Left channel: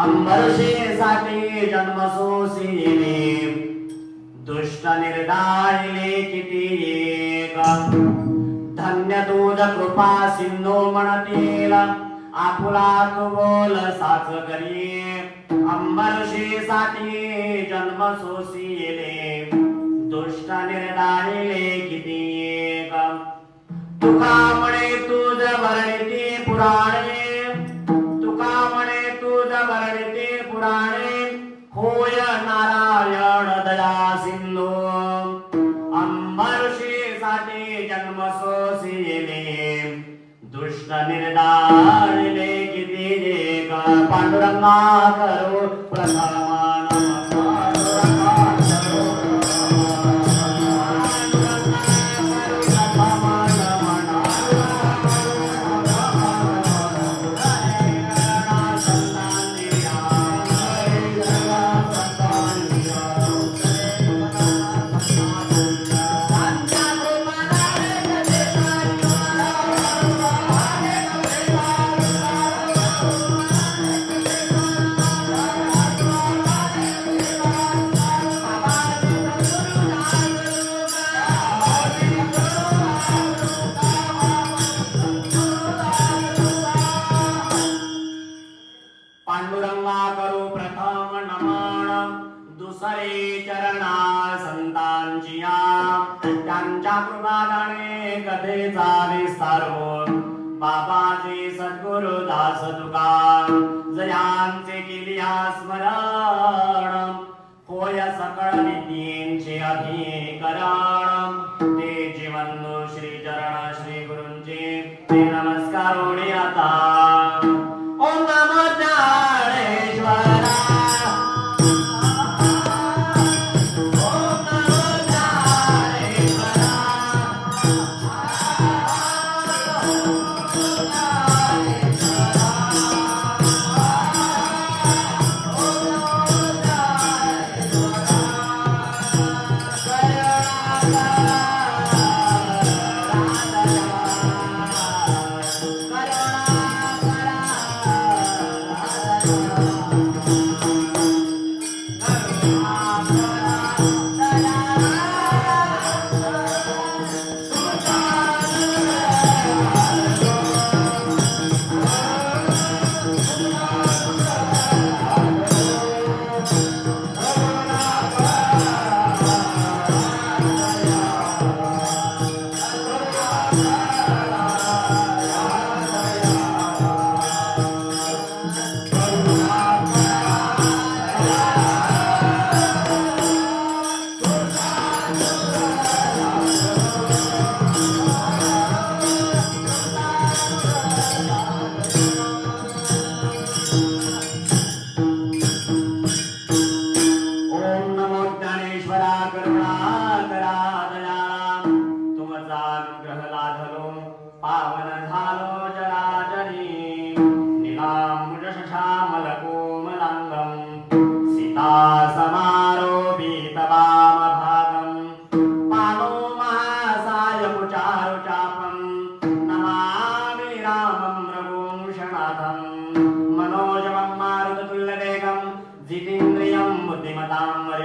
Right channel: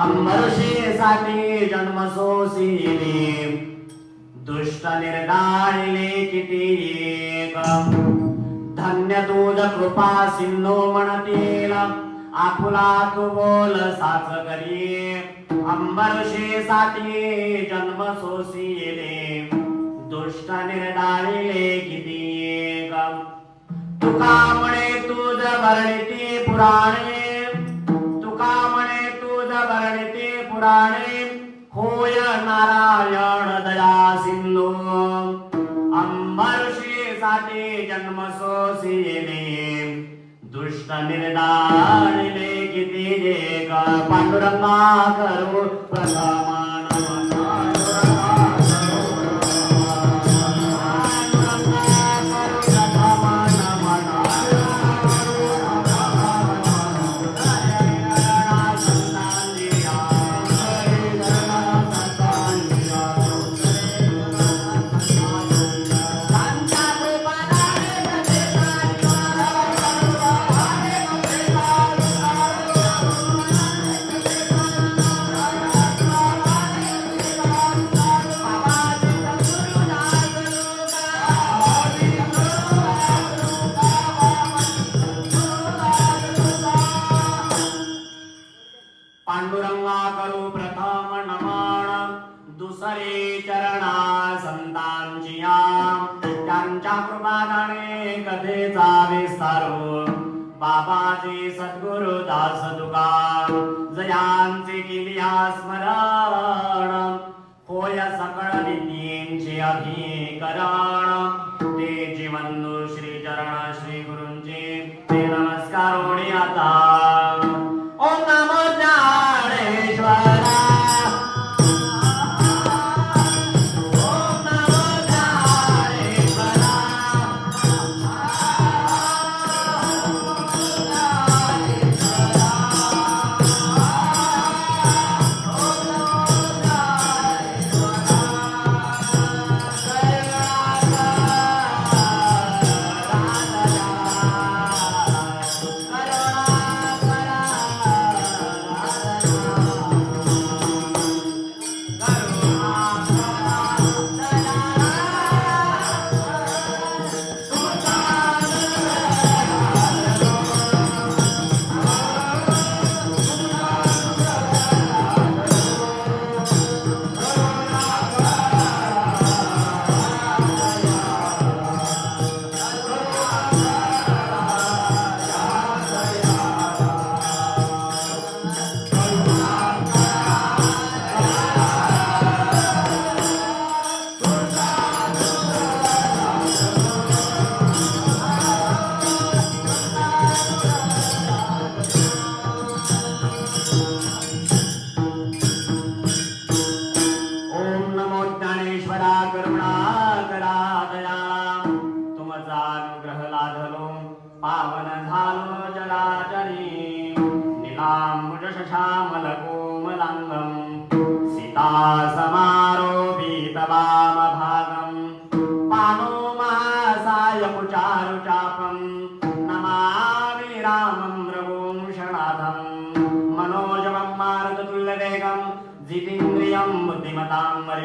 अंबरशेसाठी जन्म सोसिने दुष्ट निर्दारिले किती एक धन्य तुझ कृपा सिंधू म्हणतील आपुला तू बोल साच करी अंबरशेसाठी जन्म सोसिले दुष्ट निर्दारिले किती एक तुका म्हणे तुझ वर्णिते पुराण नारायण दया सिंधू अंबर्षी साठी जन्म सोसिले दुष्ट निर्दारिले किती जे पांडुरंगा करू त्यांच्या कथेचा विस्तार होत बाबाजी सद्गुरु दास तुका जयांचे केलिया स्मरण. होय सकळ विद्येंचे अभिकरण. ते जीवन श्री चरण श्री गुरुंचे ते नम.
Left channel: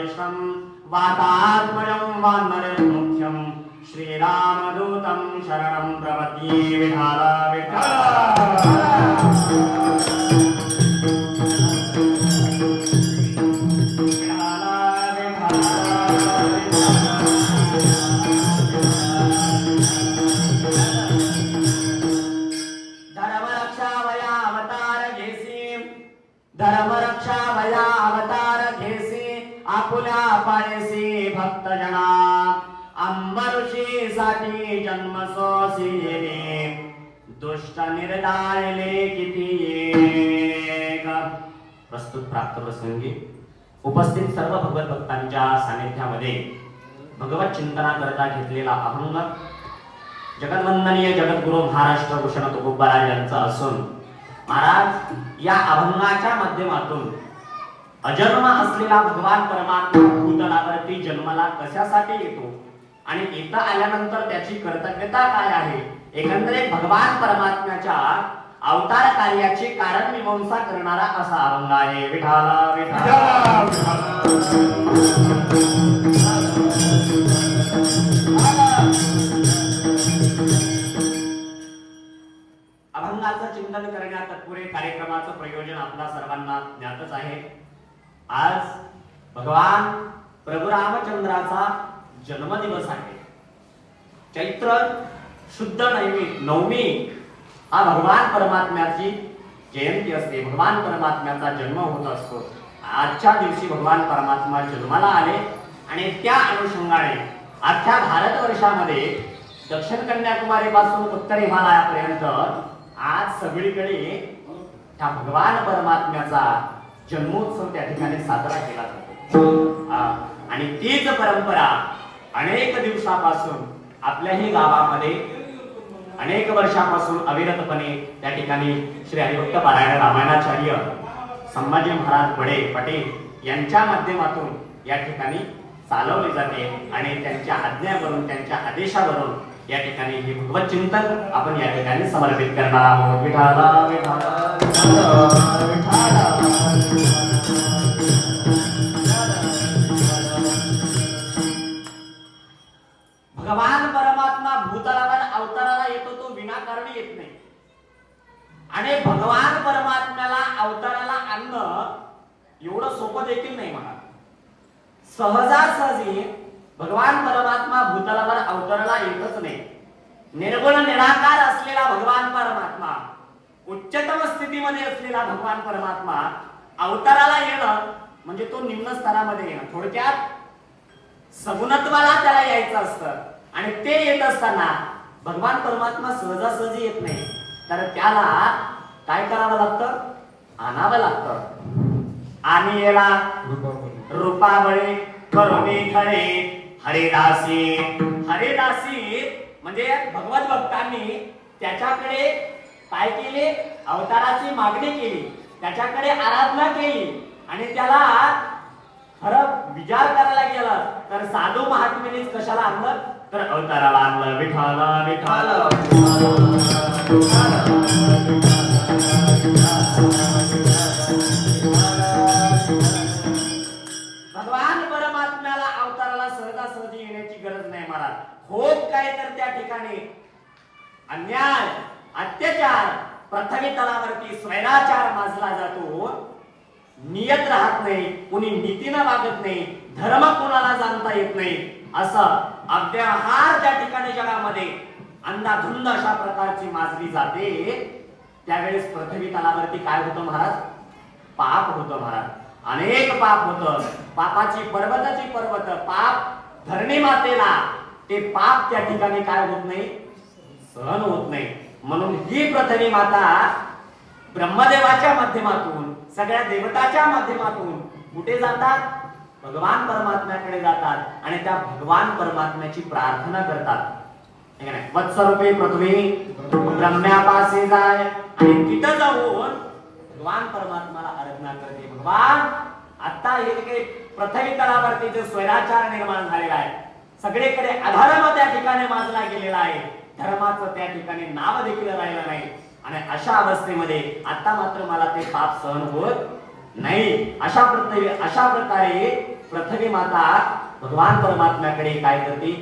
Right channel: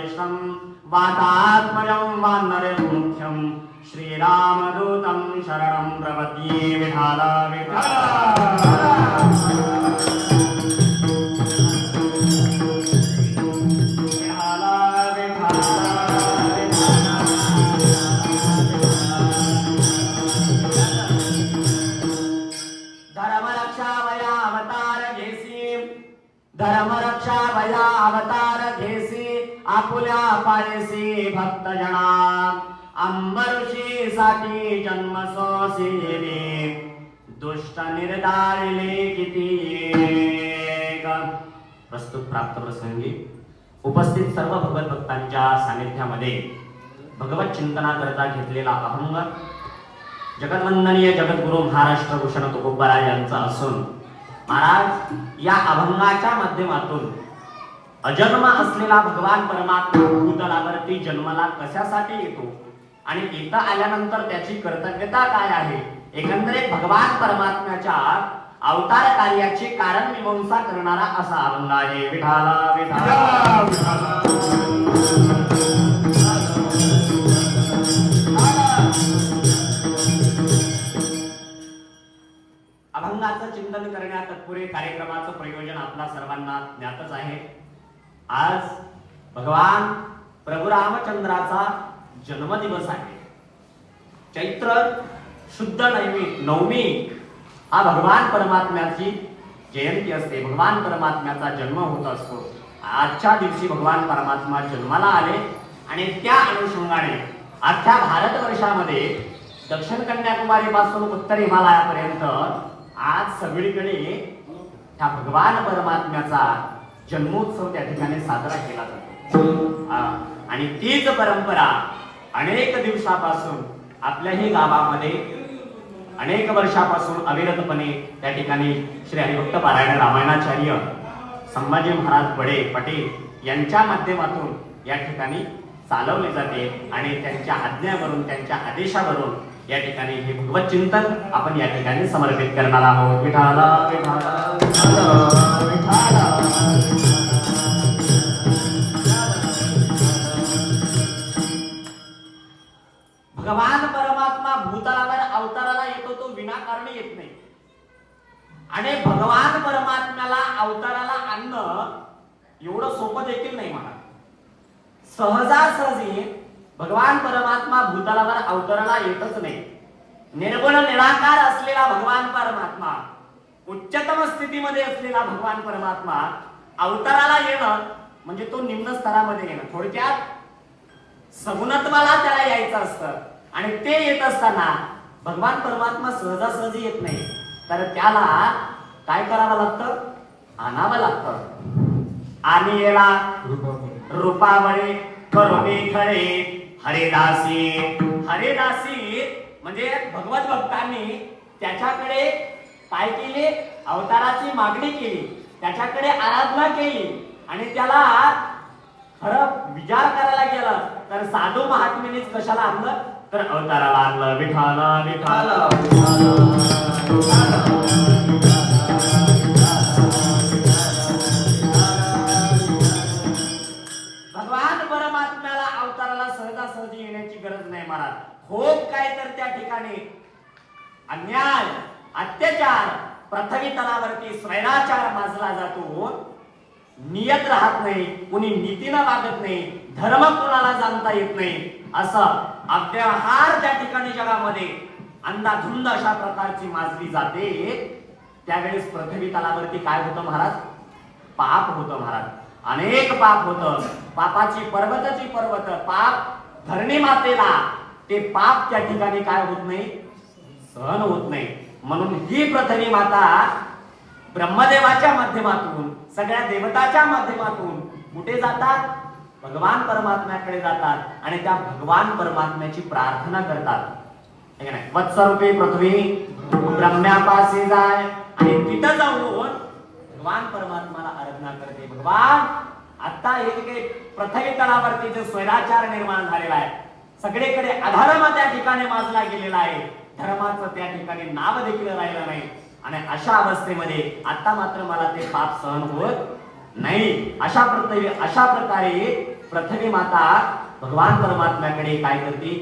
बुद्धिमतां वरिष्ठं वातात्मजं मुख्यं। श्रीरामदूतं शरणं प्रपद्ये विठाला विठाला विठाला भक्त जना साठी जन्म सोसिले दुष्ट निर्धारले किती प्रस्तुत प्राप्त प्रसंगी उपस्थित सर्व भगवत भक्तांच्या सानिध्यामध्ये भगवत चिंतनाकरता घेतलेला अहंग जगन्वंदनीय जगद्गुरु महाराष्ट्र भूषण तुकोबाराज यांचा असून महाराज या अभंगाच्या माध्यमातून अजन्म असलेला भगवान परमात्मा भूतलावरती जन्माला कशासाठी येतो? आणि येता आल्यानंतर त्याची कर्तव्यता काय आहे? एकंदरीत भगवान परमात्म्याच्या अवतार कार्याची कारण मीमांसा करणारा असा अभंग आहे. विठाला विठाला अभंगाचं चिंतन करण्यात तत्पुरे कार्यक्रमाचं प्रयोजन आपल्या सर्वांना ज्ञातच आहे. आज भगवान प्रभू रामचंद्राचा जन्मदिवस आहे. चैत्र शुद्ध नवमी नवमी हा भगवान परमात्म्याची जयंती असते. भगवान परमात्म्याचा जन्म होत असतो. आजच्या दिवशी भगवान परमात्मा जन्माला आले आणि त्या अनुषंगाने अख्ख्या भारतवर्षामध्ये दक्षिण कन्याकुमारी पासून उत्तर हिमालयापर्यंत आज सगळीकडे त्या भगवान परमात्म्याचा जन्मोत्सव त्या ठिकाणी साजरा केला जातो हा. आणि तीच परंपरा अनेक दिवसापासून आपल्याही गावामध्ये अनेक वर्षापासून अविरतपणे त्या ठिकाणी श्री हरिभक्त पारायण रामायणाचार्य संभाजी महाराज बडे पटेल यांच्या माध्यमातून या ठिकाणी चालवली जाते आणि त्यांच्या आज्ञावरून त्यांच्या आदेशावरून या ठिकाणी हे भगवत चिंतन आपण या ठिकाणी समर्पित करणार आहोत विठाला विठाला विठाला, विठाला. आणि भगवान परमात्म्याला अवताराला आणणं एवढं सोपं देखील नाही म्हणा. सहजासहजी भगवान परमात्मा भूतलावर अवताराला येतच नाही. निर्गुण निराकार असलेला भगवान परमात्मा उच्चतम स्थितीमध्ये असलेला भगवान परमात्मा अवताराला येणं म्हणजे तो निम्न स्तरामध्ये येणं. थोडक्यात सगुणत्वाला त्याला यायचं असतं. आणि ते येत असताना भगवान परमात्मा सहजासहजी येत नाही. तर त्याला काय करावं लागतं? आणावं लागतं. आणि येणा रूपावळे करुणी खरे हरिदासी. हरिदासी म्हणजे भगवत भक्तांनी त्याच्याकडे काय केले? अवताराची मागणी केली. त्याच्याकडे आराधना केली. आणि त्याला खरं विचार करायला गेला तर साधू महात्मेनेच कशाला आणलं? तर अवताराला आणलं. विठाला विठाला. येण्याची नाही महाराज होत काय तर त्या ठिकाणी. अन्याय अत्याचार पृथ्वी तलावरती स्वैराचार माजला जातो. नियत राहत नाही कुणी नीतीनं वागत नाही धर्म कोणाला जाणता येत नाही असं अव्यवहार त्या ठिकाणी जगामध्ये अंधाधुंद अशा प्रकारची माजली जाते. त्यावेळेस पृथ्वी तलावरती काय होतं महाराज? पाप होतं महाराज. अनेक पाप होतं. पापाची पर्वताची पर्वत पाप धरणी मातेला ते पाप त्या ठिकाणी काय होत नाही? सहन होत नाही. म्हणून ही प्रथमी माता ब्रह्मदेवाच्या माध्यमातून सगळ्या देवताच्या माध्यमातून कुठे जातात? भगवान परमात्म्याकडे जातात आणि त्या भगवान परमात्म्याची प्रार्थना करतात. वत्सरूपी पृथ्वी ब्रह्म्यापाशी जाय आणि तिथं जाऊन भगवान परमात्माला आराधना करते. भगवान आता हे काही प्रथमी तळावरती जो स्वैराचार निर्माण झालेला आहे सगळीकडे अधर्म त्या ठिकाणी माजला गेलेला आहे. धर्माचं त्या ठिकाणी नाव देखील राहिलं नाही. आणि अशा अवस्थेमध्ये आता मात्र मला ते पाप सहन होत नाही. अशा पृथ्वी अशा प्रकारे पृथ्वी माता भगवान परमात्म्याकडे काय करते?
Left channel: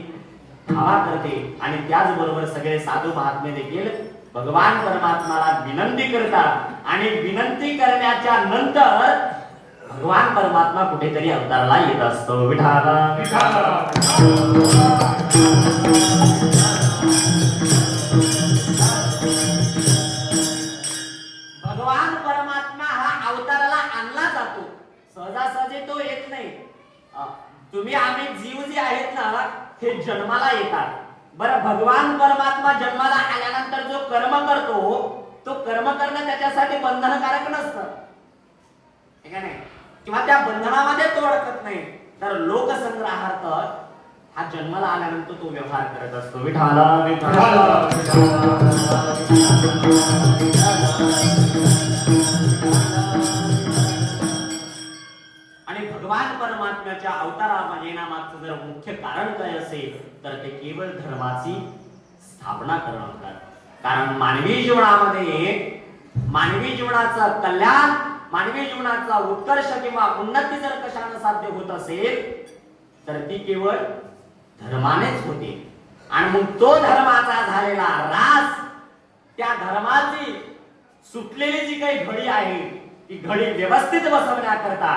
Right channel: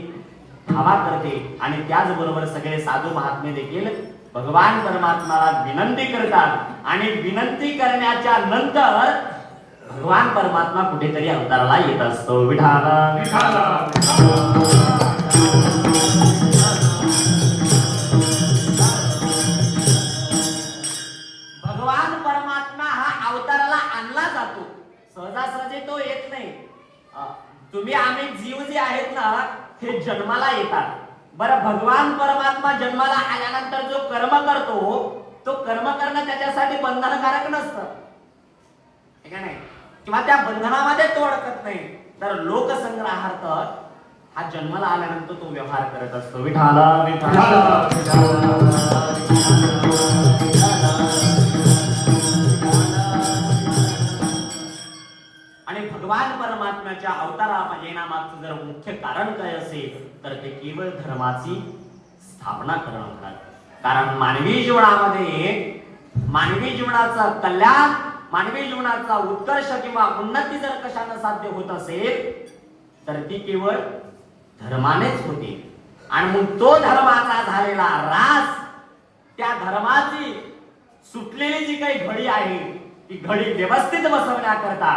धावा करते. आणि त्याचबरोबर सगळे साधू महात्मे देखील भगवान परमात्माला विनंती करतात. आणि विनंती करण्याच्या नंतर भगवान परमात्मा कुठेतरी अवताराला येत असतो. विठाला भगवान परमात्मा हा अवताराला आणला जातो. सहजासहजी तो येत नाही. तुम्ही आम्ही जीव जे आहेत ना हे जन्माला येतात. बरं भगवान परमात्मा जन्माला आल्यानंतर जो कर्म करतो तो कर्म करणं त्याच्यासाठी बंधनकारक नसतं. नाही? किंवा त्या बंधनामध्ये तो अडकत नाही. तर लोकसंग्रहार्थ हा जन्माला आल्यानंतर तो व्यवहार करत असतो. विठाला विठाला आणि भगवान परमात्म्याच्या अवतारा येण्यामागचं जर मुख्य कारण काय असेल तर ते केवळ धर्माची स्थापना करणं होतं. कारण मानवी जीवनामध्ये मानवी जीवनाचं कल्याण मानवी जीवनाचा उत्कर्ष किंवा उन्नती जर कशानं साध्य होत असेल तर ती केवळ धर्मानेच होते. आणि मग तो धर्माचा झालेला रास त्या धर्माची सुटलेली जी काही घडी आहे ती घडी व्यवस्थित बसवण्याकरता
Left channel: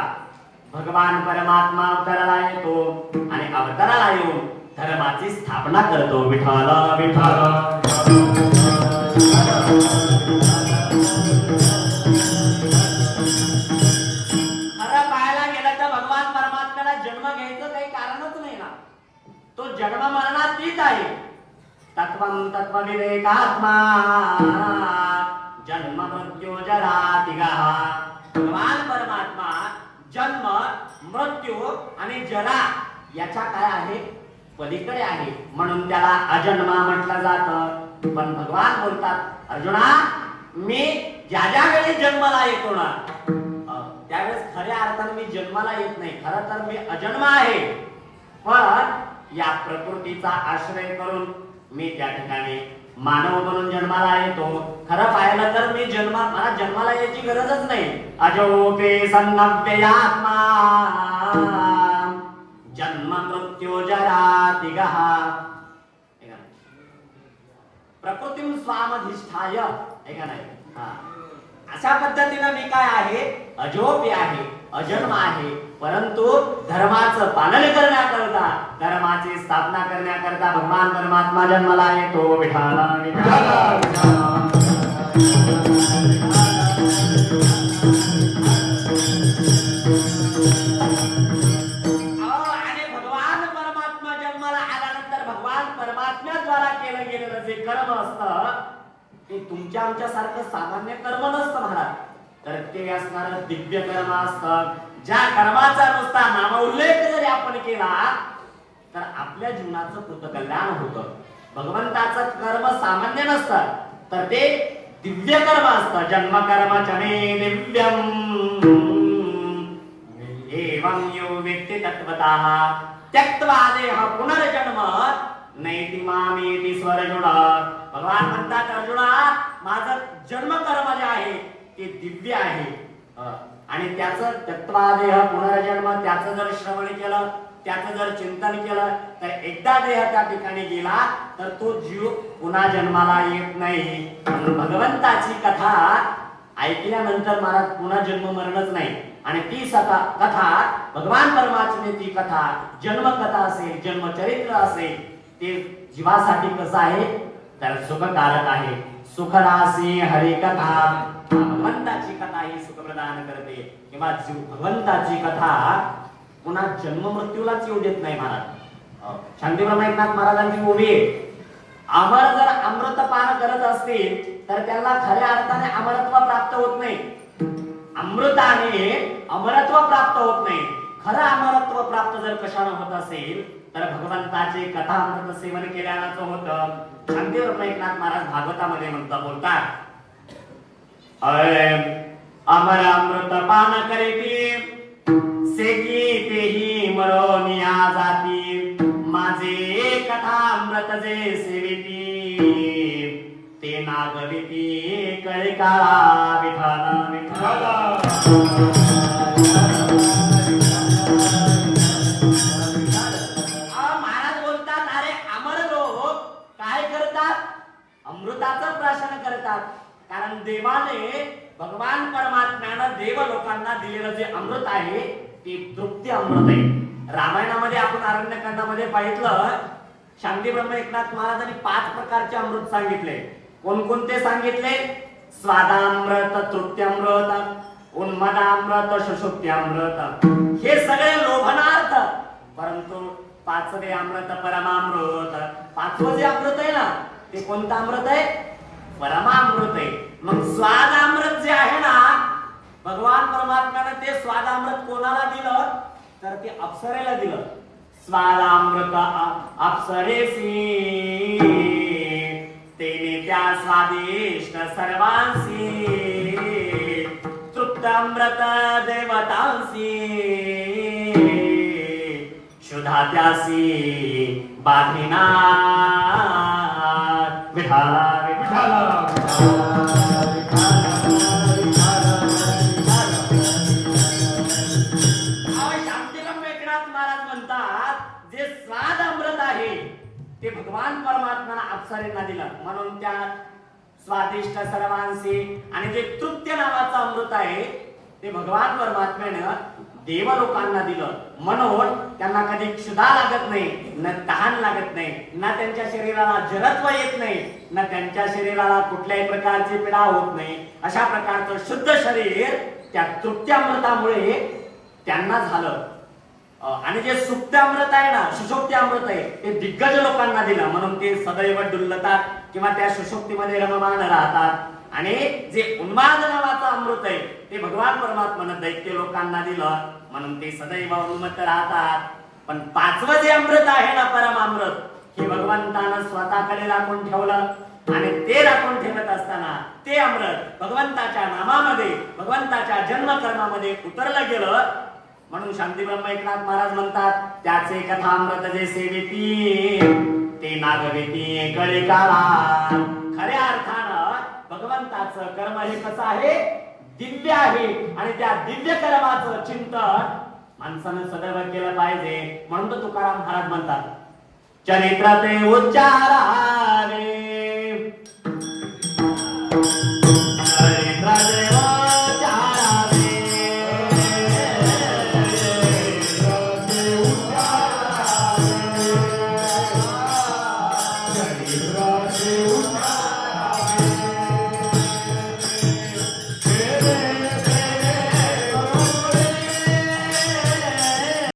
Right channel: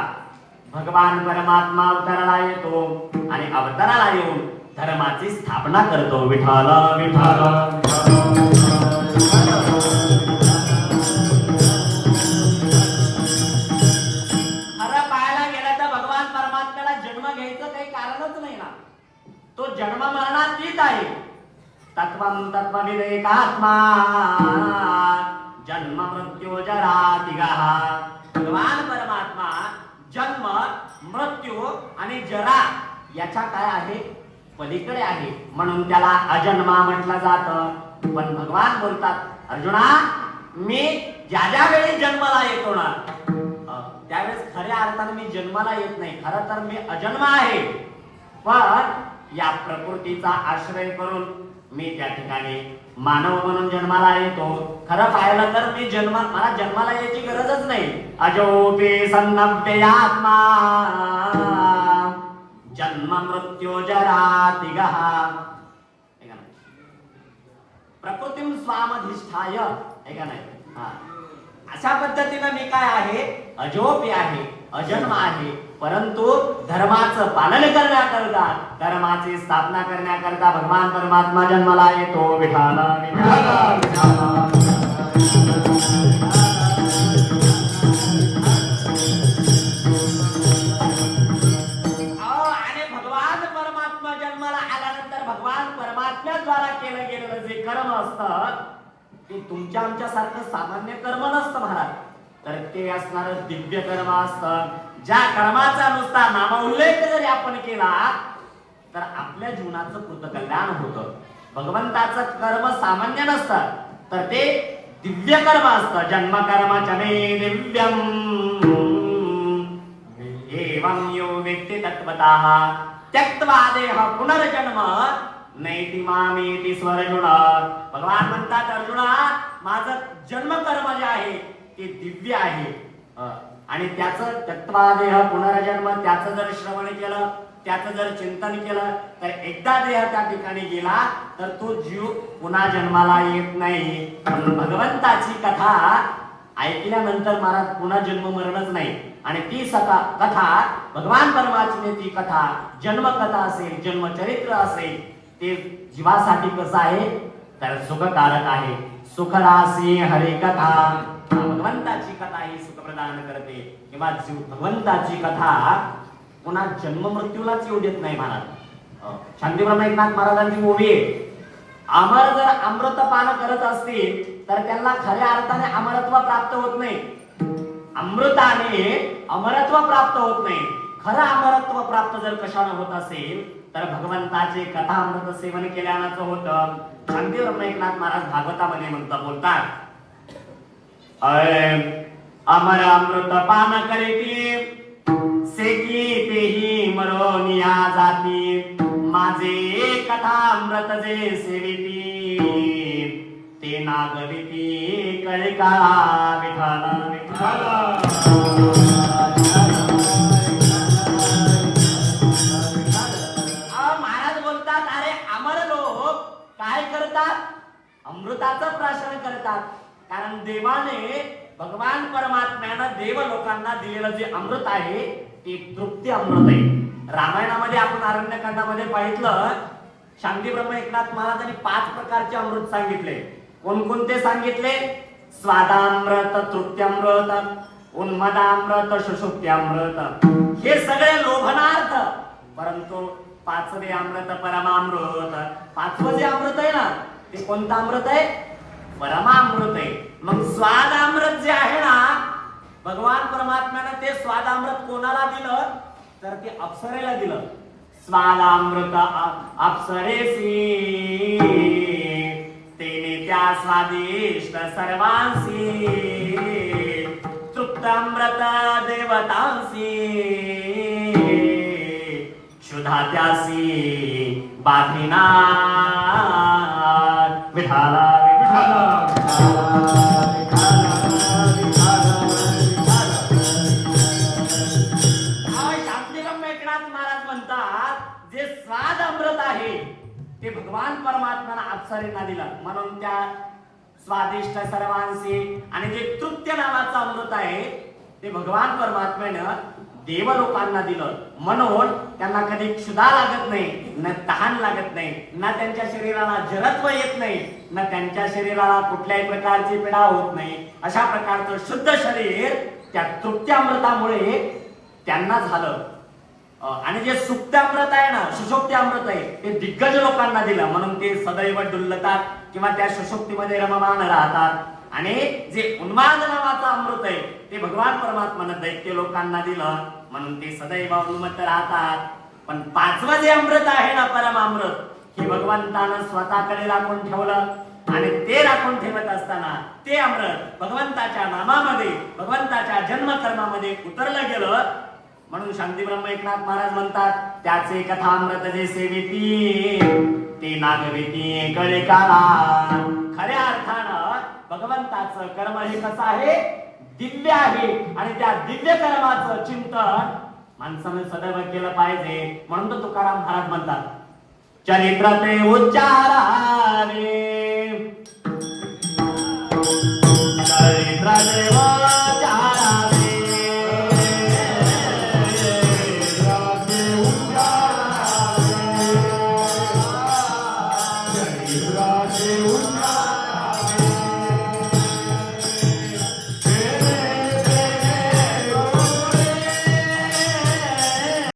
भगवान परमात्मा अवतराला येतो आणि अवताराला येऊन धर्माची स्थापना करतो. विठाल विठाला आहे तत्वम तत्वविवेकात्मा जन्म मृत्यू जरा तिगाह भगवान परमात्मा जन्म मृत्यू आणि जरा याच्या काय आहे? पलीकडे आहे. म्हणून त्याला अजन्मा म्हटलं जात. पण भगवान बोलतात अर्जुना मी ज्या ज्या वेळी जन्माला येतो ना त्यावेळेस खऱ्या अर्थाने मी जन्माला येत नाही. खरं तर मी अजन्मा आहे. पण या प्रकृतीचा आश्रय करून मी त्या ठिकाणी मानव म्हणून जन्माला येतो. खरं पाहिलं तर मी जन्मा मला जन्माला यायची गरजच नाही. अजोपे सन्नव्ययात्मा जन्म मृत्यू जरा तिगः प्रकृतीम स्वामधिष्ठाय. हे का नाही? हा. अशा पद्धतीनं मी काय आहे? अजोपी आहे. अजन्म आहे. परंतु धर्माचं पालन करण्याकरता धर्माची स्थापना करण्याकरता भगवान परमात्मा जन्माला येतो विठाला आणि भगवान परमात्मा जन्माला आल्यानंतर भगवान परमात्म्याद्वारा केलं गेलेलं जे कर्म असतं ते तुमच्या आमच्यासारखं सामान्य कर्म नसतं महाराज. तर ते असणार दिव्य कर्म असतं ज्या कर्माचा नुसता नामोल्लेख जरी आपण केला तर आपल्या जीवनाचं कृतकल्याण होतं. भगवंताचं कर्म सामान्य नसतं तर ते दिव्य कर्म असतं. जन्म कर्म चमे दिव्यम एवं यो व्यक्ती तत्वता त्यक्त्वा देह पुनर्जन्म नैति मामेति स्वरजुण भगवान म्हणतात अर्जुना माझं जन्म कर्म जे आहे ते दिव्य आहे. आणि त्याचं तत्वादेह पुनर्जन्म त्याचं जर श्रवण केलं त्याचं जर चिंतन केलं तर एकदा देह त्या ठिकाणी गेला तर तो जीव पुन्हा जन्माला येत नाही. म्हणून भगवंताची कथा ऐकल्यानंतर महाराज पुन्हा जन्म मरणच नाही. आणि ती सता कथा भगवान परमात्म्याची कथा जन्मकथा असेल जन्मचरित्र असेल ते जीवासाठी कसं आहे? तर सुखकारक आहे. सुखरासी हरे कथा भगवंताची कथा ही सुख प्रदान करते. किंवा भगवंताची कथा पुन्हा जन्म मृत्यूलाच येऊ देत नाही महाराज. शांतीप्रम एकनाथ महाराजांची उभी अमर जर अमृतपान करत असतील तर त्यांना खऱ्या अर्थाने अमरत्व प्राप्त होत नाही. अमृताने अमरत्व प्राप्त होत नाही. खरं अमरत्व प्राप्त जर कशानं होत असेल तर भगवंताचे कथा अमृत सेवन केल्यानंच होत. शांतीवर एकनाथ महाराज भागवतामध्ये म्हणता बोलतात अमर अमृत पान करीती सेकी तेही मरोनिया जाती माझे कथा अमृत जे सेविती ते नागविती कळिका विठाला विठाला महाराज बोलतात अरे अमर लोक काय करतात? अमृताचं प्राशन करतात. कारण देवाने भगवान परमात्म्यानं देव लोकांना दिलेलं जे अमृत आहे ते तृप्ती अमृत आहे. रामायणामध्ये आपण अरण्यकांडामध्ये पाहितलं शांती ब्रह्म एकनाथ महाराजांनी पाच प्रकारचे अमृत सांगितले. कोणकोणते सांगितले? स्वादामृत तृप्त्यामृत उन्मदामृत सुषुप्त्यामृत हे सगळे लोभनार्थ परंतु पाचवे अमृत परमामृत. पाचवं जे अमृत आहे ना ते कोणतं अमृत आहे? परमामृत आहे मग स्वादामृत जे आहे ना भगवान परमात्म्याने ते स्वादामृत कोणाला दिलं? तर ते अप्सरेला दिलं. स्वादामृत अप्सरेसी. तेने त्या स्वादिष्ट सर्वांसी. तृप्तामृत देवतांसी. शुधा त्यासी बाधिना विठाला विठाला. म्हणून त्या स्वादिष्ट सर्वांशी. आणि जे तृप्य नावाचं अमृत आहे ते भगवान परमात्म्यानं देव लोकांना दिलं. म्हणून त्यांना कधी क्षुधा लागत नाही ना तहान लागत नाही ना त्यांच्या शरीराला जरत्व येत नाही ना त्यांच्या शरीराला कुठल्याही प्रकारची पीडा होत नाही. अशा प्रकारचं शुद्ध शरीर त्या तृप्त्यामृतामुळे त्यांना झालं. आणि जे सुप्त्यामृत आहे ना सुशोक्ती अमृत आहे ते दिग्गज लोकांना दिलं. म्हणून ते सदैव डुलतात किंवा त्या सुशोक्तीमध्ये रममान राहतात. आणि जे उन्माद नावाचं अमृत आहे ते भगवान परमात्मानं दैत्य लोकांना दिलं. म्हणून ते सदैव उन्मत्त राहतात. पण पाचवं जे अमृत आहे ना परम अमृत हे भगवंतानं स्वतःकडे राखून ठेवलं. आणि ते राखून ठेवत असताना ते अमृत भगवंताच्या नामामध्ये भगवंताच्या जन्मकर्मामध्ये उतरलं गेलं. म्हणून शांती ब्रह्म एकनाथ महाराज म्हणतात त्याचे कथामृत जे सेवेती ते नागवेती कळे काला खऱ्या अर्थानं भगवंताचं कर्म हे कसं आहे? दिव्य आहे. आणि त्या दिव्य कर्माचं चिंतन माणसानं सदैव केलं पाहिजे. म्हणून तर तुकाराम महाराज म्हणतात चरित्र ते उच्चारा